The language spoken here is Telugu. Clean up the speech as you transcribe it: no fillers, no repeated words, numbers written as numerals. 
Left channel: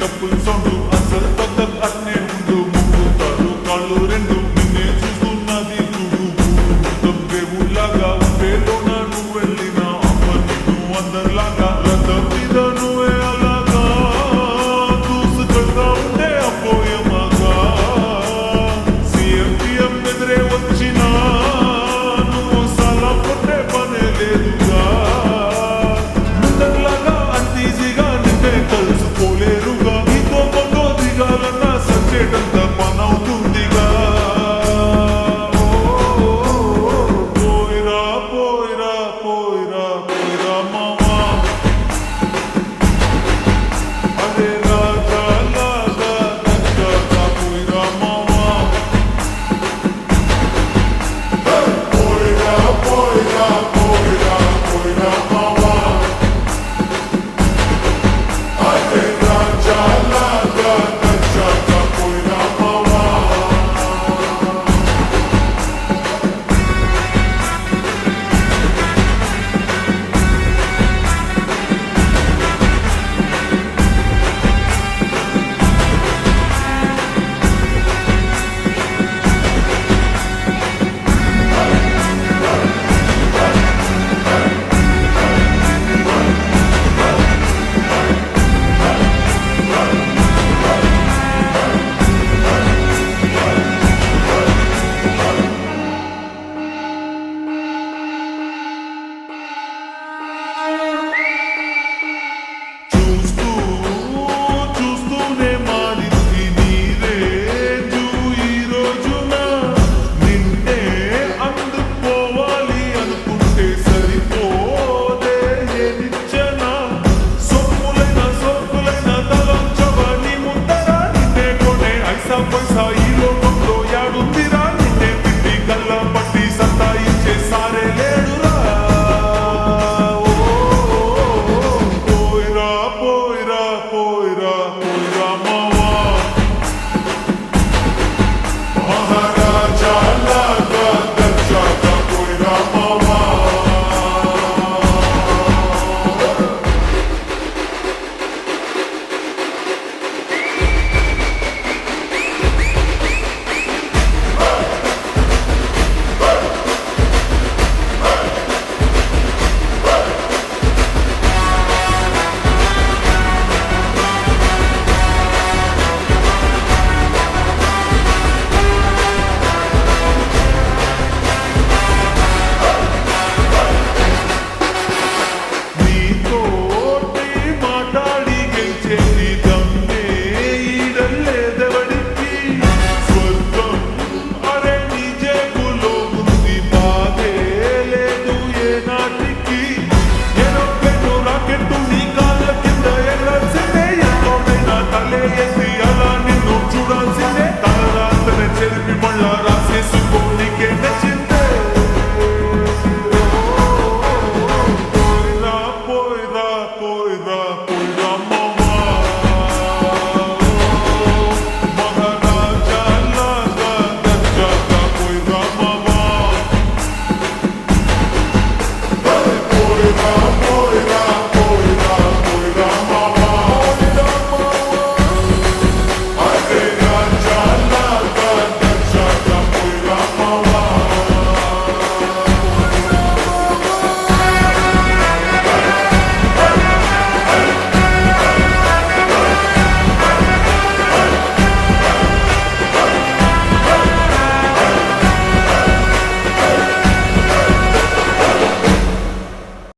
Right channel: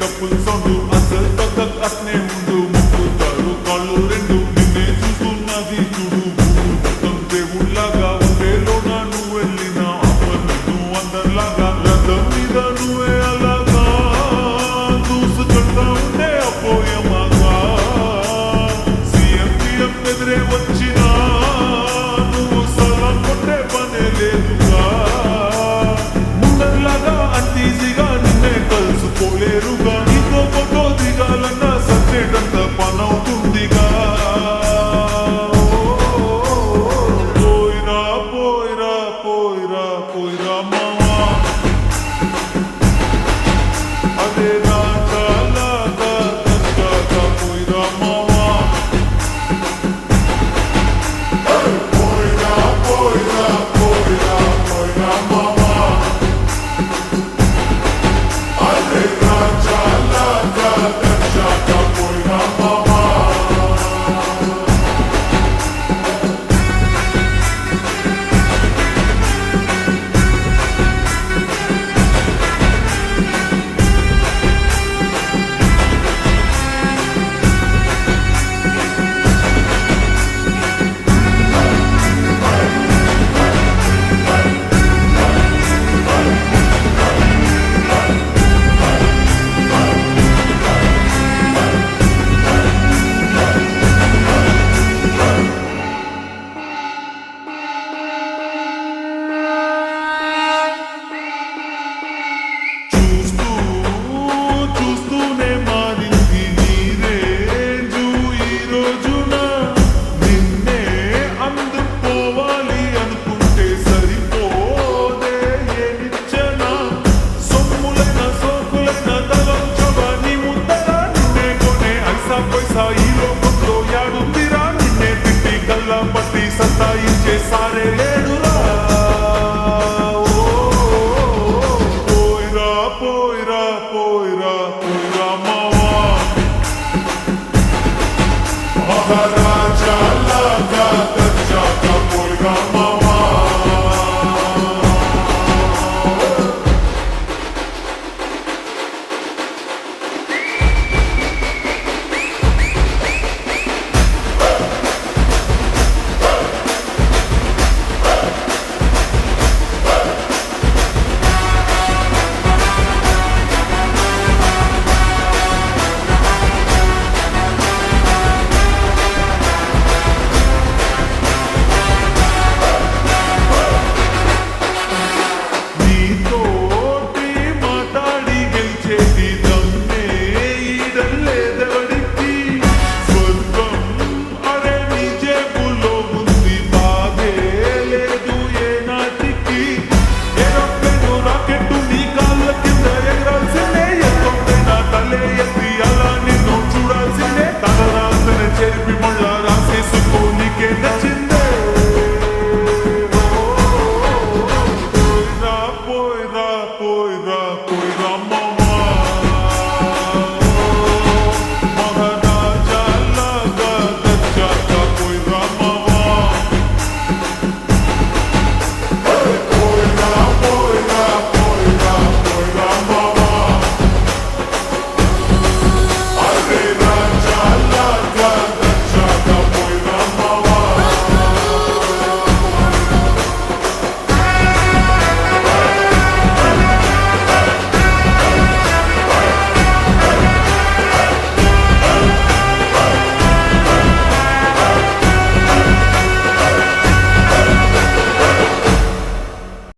డప్పుల్ సౌండ్ అసలు తగ్గ అట్నే ఉండు మొక్కుతారు కాళ్ళు రెండు నిన్నే చూస్తున్నది చూడు ఊరు మొత్తం దేవుళ్ళగా ఉండేలోన నువ్వు వెళ్ళిన అప్పర్ నిన్ను అందరిలాగా రథం మీద నువ్వే అలాగా దూసుకెళ్తా ఉండే అపోయమాగా సీఎం ఎదురే వచ్చినా నువ్వు సలాం కొట్టే పనే లేదుగా ముందర్లాగా అంతీజీగా నిన్నే కలుసుకోలేరుగా నీతో ఫోటో దిగాలన్నా సచ్చేటంత పనవుతుందిగా పోయిరా పోయిరా పోయిరా పోయిరా మావా అరే రాజాలాగా దర్జాగా పోయిరా మావా పోయిరా పోయిరా పోయిరా పోయిరా మావా అరే రాజాలాగా దర్జాగా పోయిరా మావా చూస్తూనే మారింది నీరేంజు ఈ రోజున నిన్నే అందుకోవాలి అనుకుంటే సరిపోదే నిచ్చన సొమ్ములైన సోకులైన తలంచవా నీ ముందరా నిన్నే కొనే ఐసా పైసా ఈ లోకంలో యాడుందిరా నిన్నే తిట్టి గల్లా పట్టి సత్తాయించే సారే లేడురా పోయిరా పోయిరా పోయిరా మావా మహారాజా లాగా దర్జాగా పోయిరా మావా తోటి మాట్లాడి గెలిచేది దమ్మే ఈడల్లేదెవడికి స్వర్గం అరే నీ జేబులో ఉంది బాధే లేదు ఏ నాటికి ఏరోప్లేను రాకెట్టు నీ కాళ్ళ కింద ఎగరాల్సిందే ఎంతోడైనా తలే ఎత్తి అలా నిన్ను చూడాల్సిందే తలరాతన చెరిపి మళ్ళా రాసేసుకో నీకే నచ్చింది